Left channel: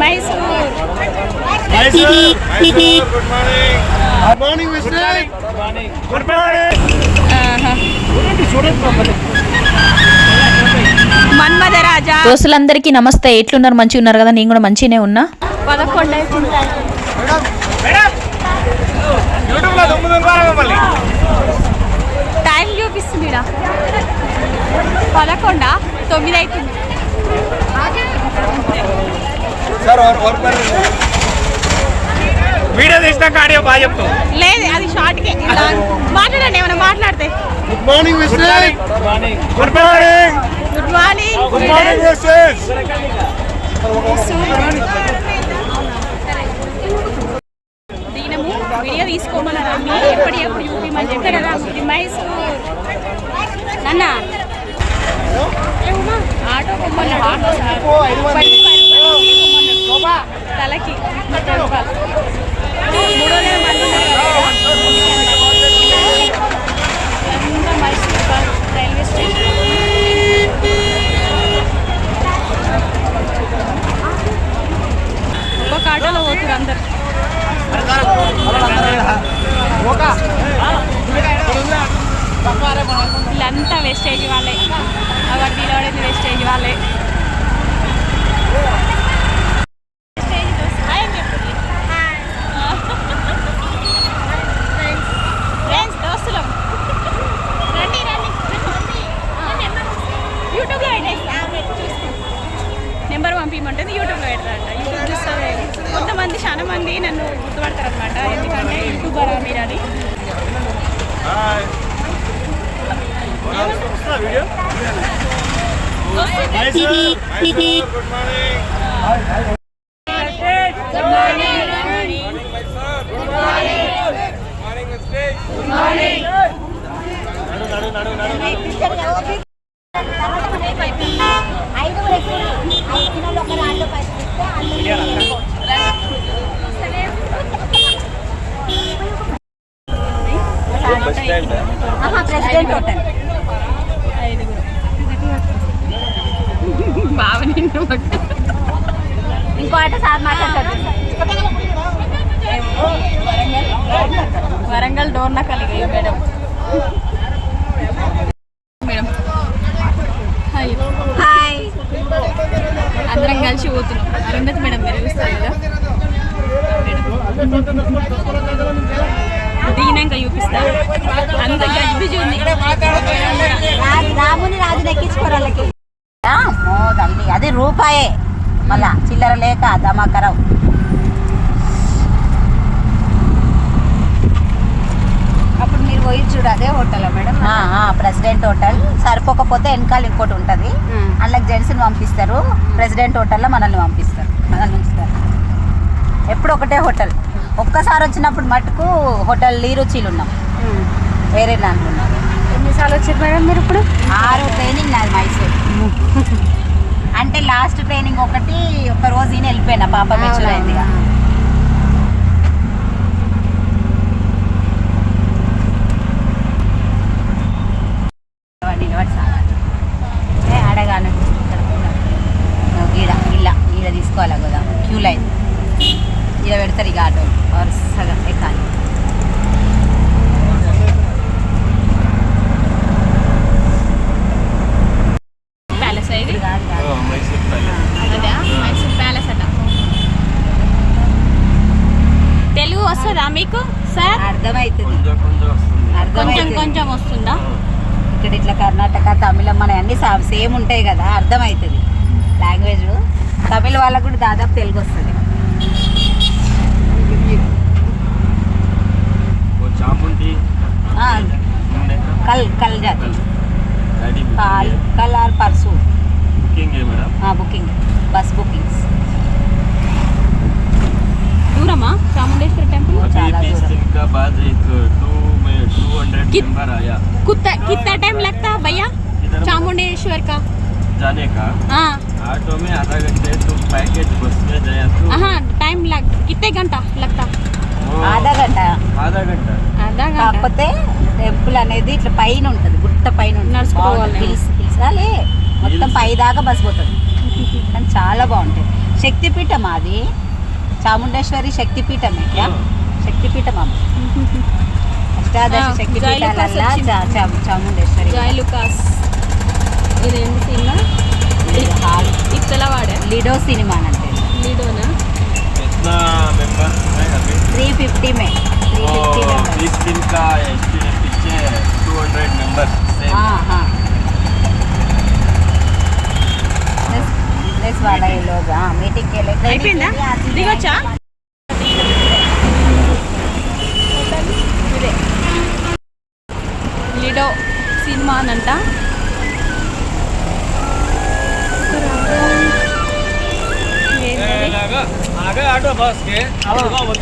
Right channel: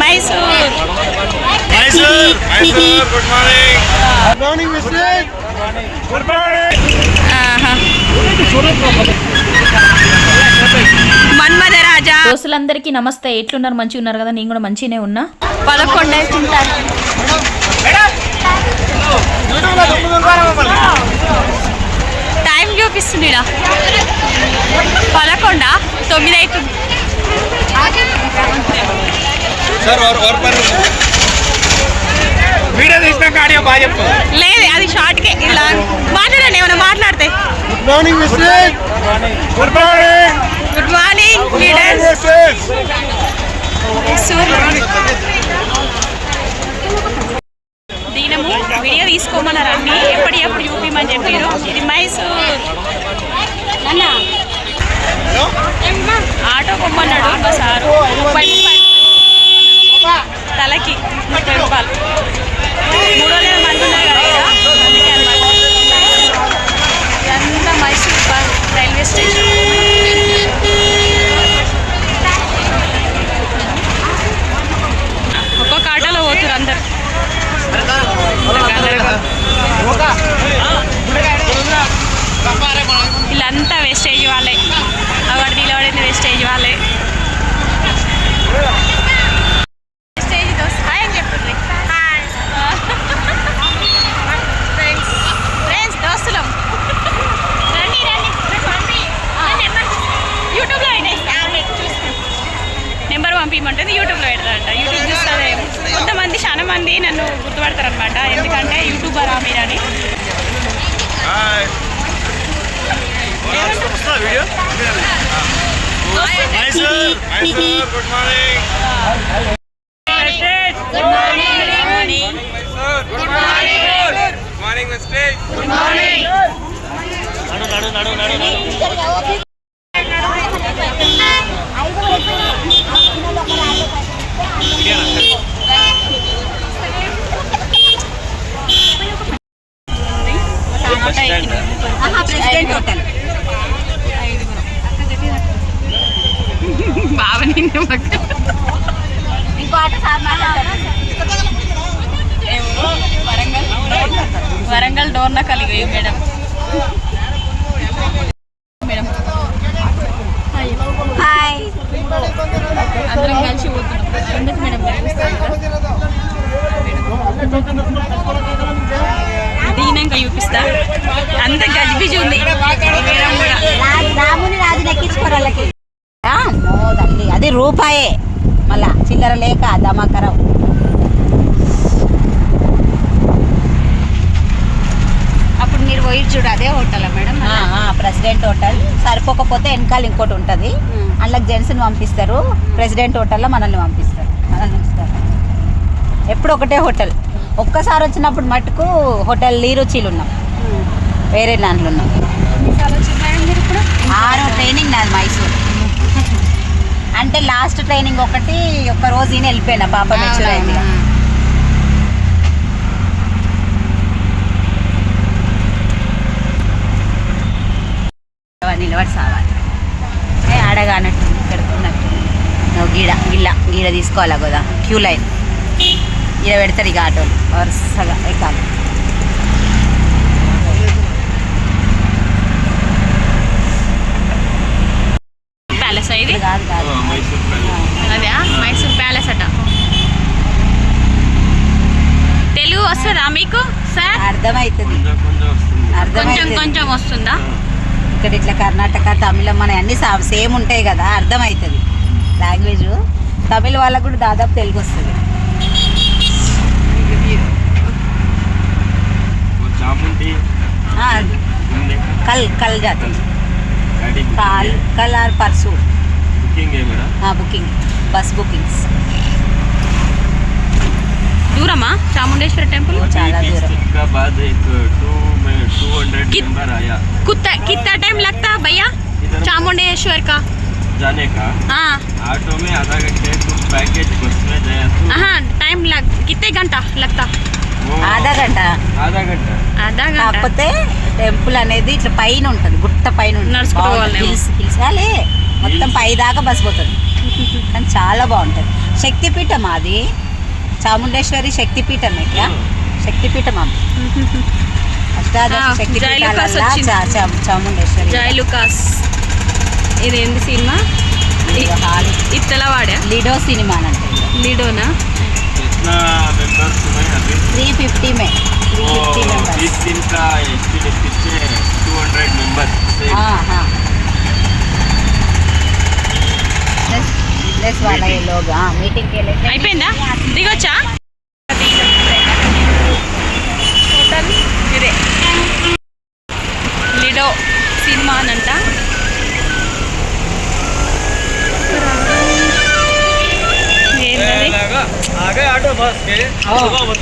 Mysore good morning good morning good morning Manmadharaja దోస్తులందరికీ నమస్తే. ఎట్లున్నారు? మంచి ఉన్నారు కదా? నేను కూడా మంచినే ఉన్నా. టైం చూపిస్తుంది పదకొండ? తొమ్మిది అవుతుంది వీడియో తీసినాక ఆడియో బాగా చెప్తాం లేదు అది షార్ట్కే ఇలా మాట్లాడండి ఏమైనా మాట్లాడితే. Good morning mister good morning good morning leaders దినము వీడియో తీసుకోమన్నారు అన్ని. ఎప్పటి ఎప్పుడు చూపిమని చెప్పారు. ఇది మైసూర్. నాన్న. ఆటో కొమ్మన్నాడు ముప్పై ముప్పై రూపాయలు తీసుకోమన్నాడు. తలకి ముప్పై రూపాయలు. మూడో నెల మంది ఉన్నారు కదా ఇక్కడ. అందుకే అనమాట ఇదంతా మైసూర్ పా- రైల్వే స్టేషన్. ఒక్కొక్క ఆటోలో పోతురు అందరు. వీళ్ళంతా వేస్టేజ్ వాళ్ళే. అవాడు నిలబడింది వేస్టేజ్ వాళ్ళే. video? Hi, sir. Hi, sir. Good morning. Good morning. Good morning. Good morning. Good morning, Good morning. President Hotel. సరిపోకపోతే వెనకాల ఇంకోటి ఉంటుంది. అందులోకి జెంట్స్ని పంపిస్తారు. ప్రెసిడెంట్ హోటల్లో మనల్ని పంపిస్తారు. మనల్ని ఉంచుతారు ఎప్పుడు ఒకటే హోటల్. ఒక్కసారి వచ్చినప్పుడు మటుకు హోటల్ లీరుచీలు ఉన్నాం వేరే దాంట్లో ఉన్నాం. మీరు ఇప్పుడు? ఆరో ట్రైనింగ్ నాది మైసూర్. అంటే లాస్ట్ ట్రైనింగ్ ఒకటి ఒక రోజు ఈయన వెళ్ళిపోయినా పాప మెచ్యూర్ అయింది ఇక. నిలబడి సావాలి ఏ ఆడగానట్టు పెడుతున్నట్టు నువ్వు గీడ గిల్ల గీడ తీసుకోవాలా కదా క్యూ లైన్ గీడ పెడతారు ఇక ఆటోలు వరుసగా ఎక్కాలి ప్యాలెస్ ఇది? మైసూర్ ప్యాలెస్. అదే మైసూర్ ప్యాలెస్ అట. తెలుగు వస్తుందా మీకు సార్? అర్థమవుతుంది కొంచెం కొంచెం వస్తుందా? ఇక్కడ ఇట్లా కర్ణాటక తమిళం మన అన్ని సేమ్ ఉంటాయి కదా అర్థమవుతుంది లాంగ్వేజ్. తమిళ వాళ్ళకు కూడా దాదాపు తెలుగు వస్తుంది. वो चामुंडी ఆ, घूमने का కల్ కల్ జాతి गाड़ी కాల్ కల్ ఆర్ పర్సు बुकिंग है मेरा బుకింగ్ బస్ బుకింగ్స్ దూరమా చాముండేశ్వరి టెంపుల్ अभी చాలా बीस दूर। दिन का बाद एक टू में टू हंड्रेड कित- मेंबर आया कितना कितना टाइम लगता है भैया इधर चामुंडेश्वर का जाने का हाँ ऑटो में आधा घंटे तो पैकेज बस में गया तो हाँ टाइम लग कितने घंटा लगता वो ఆధా గంట आधा घंटा आधा घंटा కాకపోతే టెంపుల్ అనేది ఇట్లా పైన ఉంటుంది గుట్ట పైన ఉంటుంది. నడుచుకుంటూ పోవాలేమో. హిల్స్ హిల్స్ కాలే మొత్తం పై దాకా బస్ పోతుంది కానీ చాలా బాగుంటుంది శక్తిపీఠం అది చాముండేశ్వరి శక్తిపీఠం ఇక్కడ శక్తిపీఠం అమ్మ అష్టాదశ ఆ, జైలుకాస్ శక్తిపీఠాలల్లా వచ్చింది. చా- చా- చాముండేశ్వరి జై ఇదేంటి సినిమా? ఇత్తలవాడ లిడో సినిమా లిడోనా? త్రీ ఫిఫ్టీ మే. అయిపోయిందా? దిగొచ్చా?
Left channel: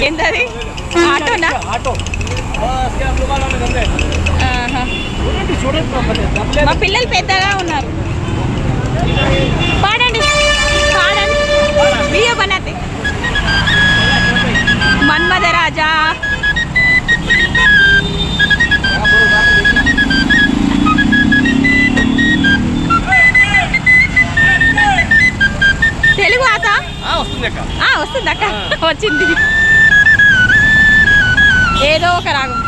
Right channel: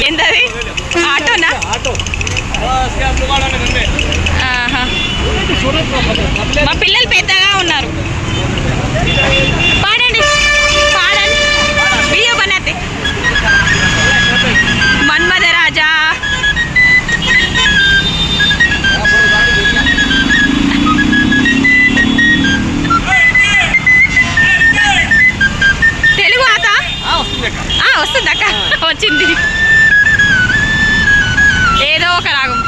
ఏంటది ఆటోనా? మా పిల్లలు పెద్దగా ఉన్నారు. పాడండి. పాడండి. వీడియో బనాతే. మన్మధ రాజా వస్తుంది అక్క వచ్చింది. ఏదో ఒక రాగం.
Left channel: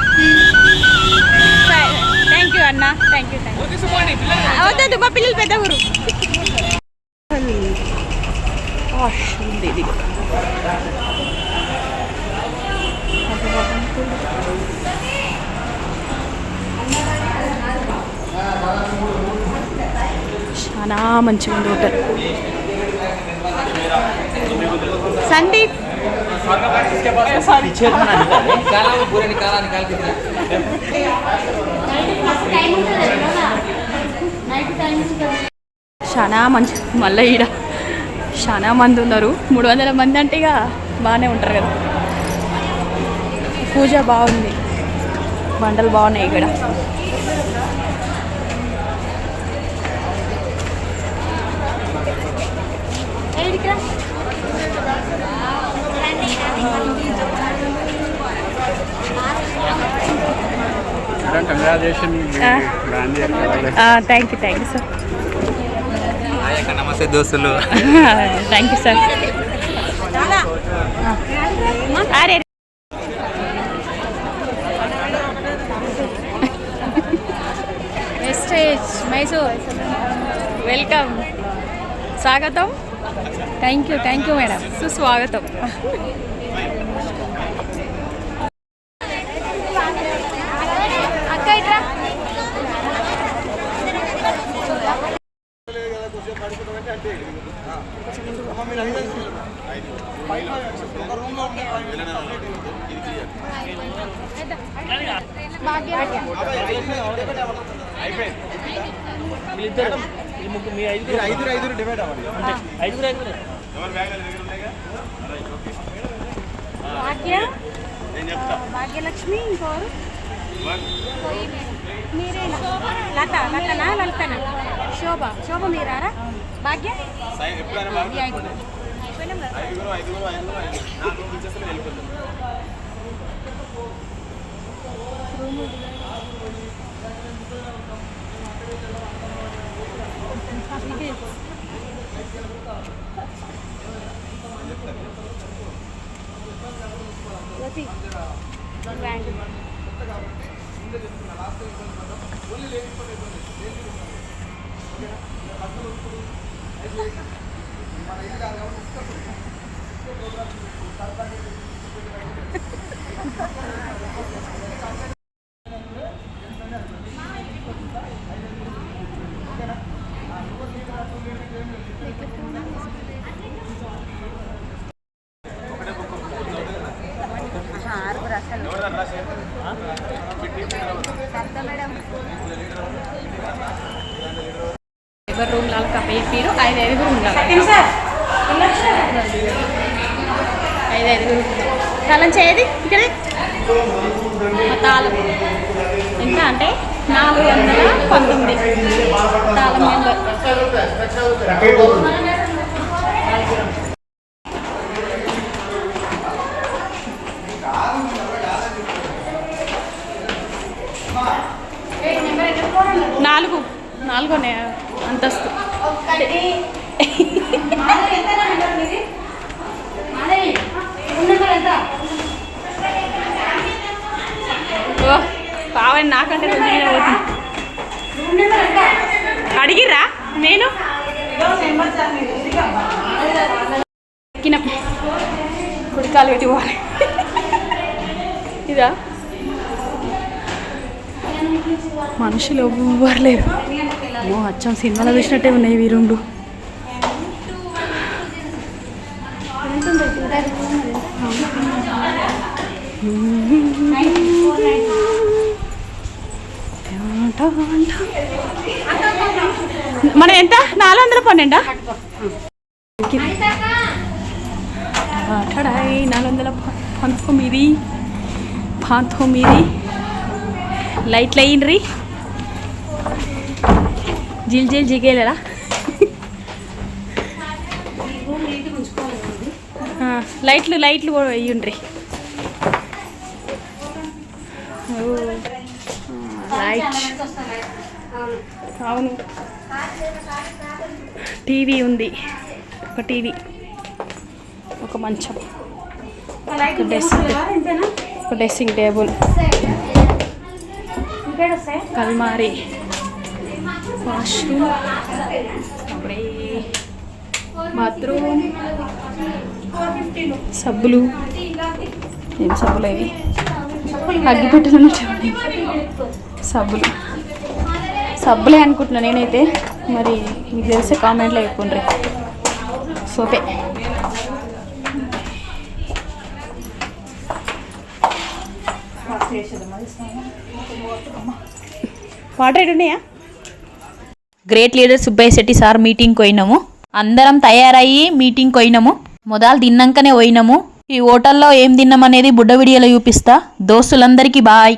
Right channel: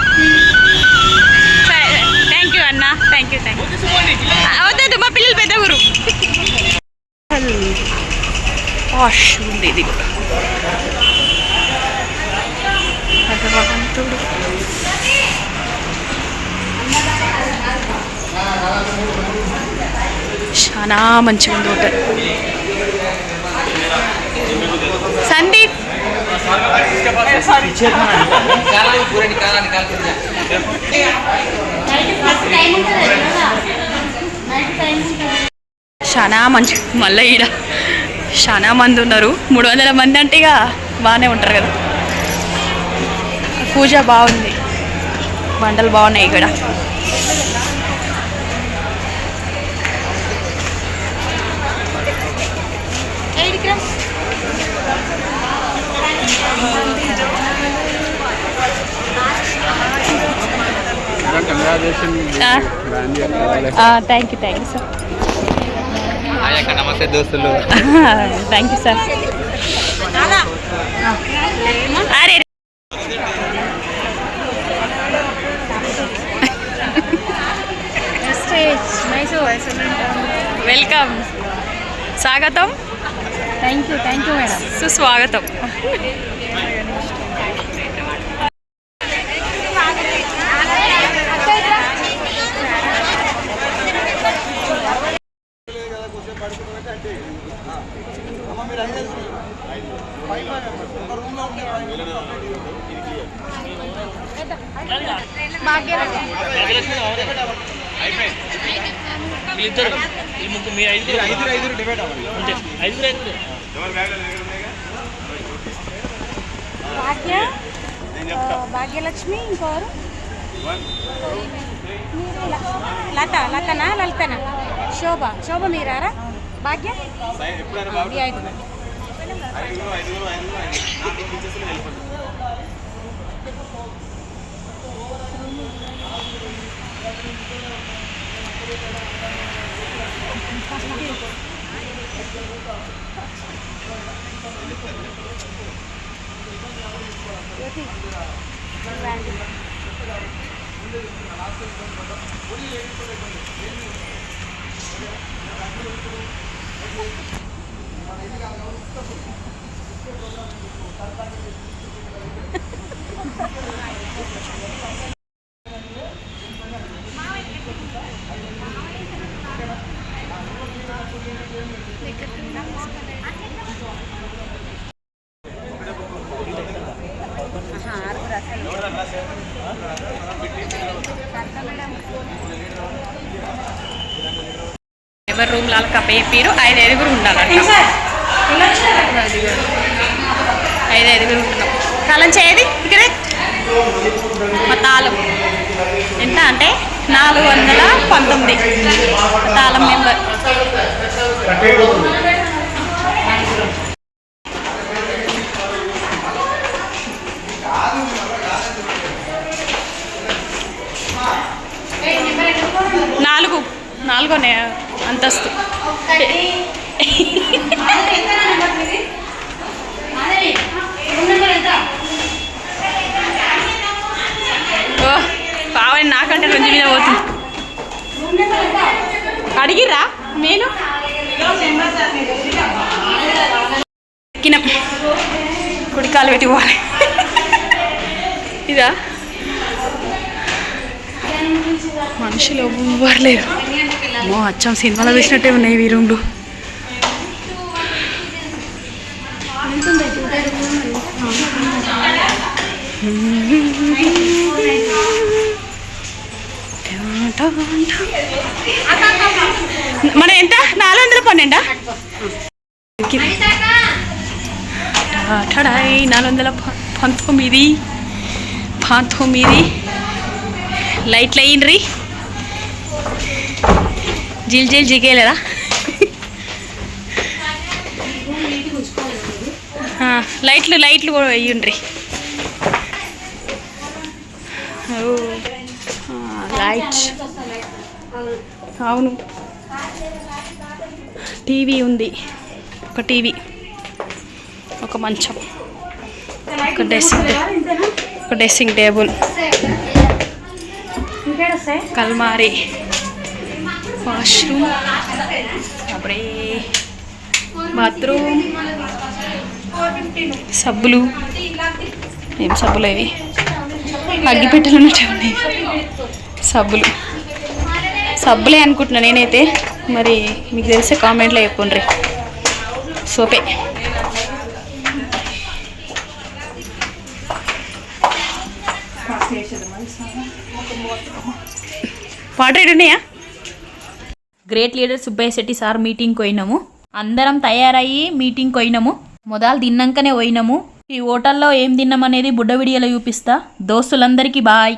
సరే థ్యాంక్ యూ అన్న. థ్యాంక్ యూ థ్యాంక్ యూ వద్దొద్దు మా పిల్లలు పెద్ద ఊరు వాష్ ఉంది ఇది కూడా భగవంతుడు చాలా మంచిగా ఉంది హోటల్. సందీప్. చాలా మంచి మళ్ళీ ఈడ. చాలా మంది ఉన్నారు. మూడు వందల మంది అంటే ఇక బాగానే ఉంటారు కదా. పూజ బాగుంది. బండలు బాగున్నాయి ఇక్కడ. Thank you thank you sir నమస్తే దోస్తులు. థ్యాంక్ యూ సార్ అరే వెల్కమ్ స్వాగతం. Thank you thank you madam. సుస్వాగతం. అమ్మ మీరు ఐదు ఐదు ఫైవ్ ఫైవ్ మెంబర్స్ ఒక రూమ్లో ఉండే ఫైవ్ మెంబర్స్ సపరేట్ ఐదు ఐదు డివైడ్ అవ్వండి. నేను చెప్తా. భాగ్యలక్ష్మి ఇంకోరు? లత లతనా లలితనా? శోభ శోభ మీరారా? భాగ్య? ఎప్పుడైనా ఈ బాగుంటుంది ఐదుగురు. ఐదుగురు ఐదుగురు ఐదుగురు ఐదు ఎవరి రూమ్ లాగా కప్పయిపోయారు ఐదు ఐదుగురు ఉండాలంట. ఐదు ఐదుగురు ఉంటున్నాం. తాళం చేయది ఇక్కడే. మా తాళం. ఎంత అంటే నాలుగు వందల పంతొమ్మిది. తాళం నెంబర్ నాలుగు. నాలుగో అంతస్తు. ఓ పావని నాకంటే రెండు మీద పోతుంది. అడిగిర్రా? నేను? ఎక్కినాం. కుడికాలు పెట్టి పోవాలి. ఇదా? మనుషులు ఎవ్వరు లేరు. ఓ అచ్చం సినిమాలో చూసినట్టే ఉన్నాయి ఈ రూమ్లు మన ఎంత? నాలుగు వందల పన్నెండా? ఠడాయ్ నాలుగు వందల పంతొమ్మిది. పంతొమ్మిది. లైట్లు రీ జిల్ జిల్ ఆ, లైట్లు లైట్లు కూడా వేయండ్రి అవును. టీవీ ఉంది. ఒక టీవీ. ఒక మంచం. ఒక డ్రెస్సింగ్ ఒక డ్రెస్సింగ్ టేబుల్. కల్మారి. వాష్రూమ్ అప్పుడే బాత్రూమ్ సబ్బులు ఏం సబ్బులు అవి? అగ్గిపెట్టెలు ఉన్నట్టే ఉన్నాయి సబ్బులు. సబ్బులే అనుకుంటున్నా నేనైతే. మరి మీకు తెలిసే కామెంట్లో చెప్పుండ్రి. సోపే. వాటర్ ఎటు ఉన్నాయా great leader Subbaiah Shetty sir meeting పోయినాము. అందరం తయారయ్యి మీటింగ్ పోయినాము. మొదలు తిన్నాకనే పోయినాము. ఈ హోటల్లో ఏం తిన్నామనేది బుడ్డ వీడియోలో చూపిస్తా. దోస్తులందరికీ బాయ్.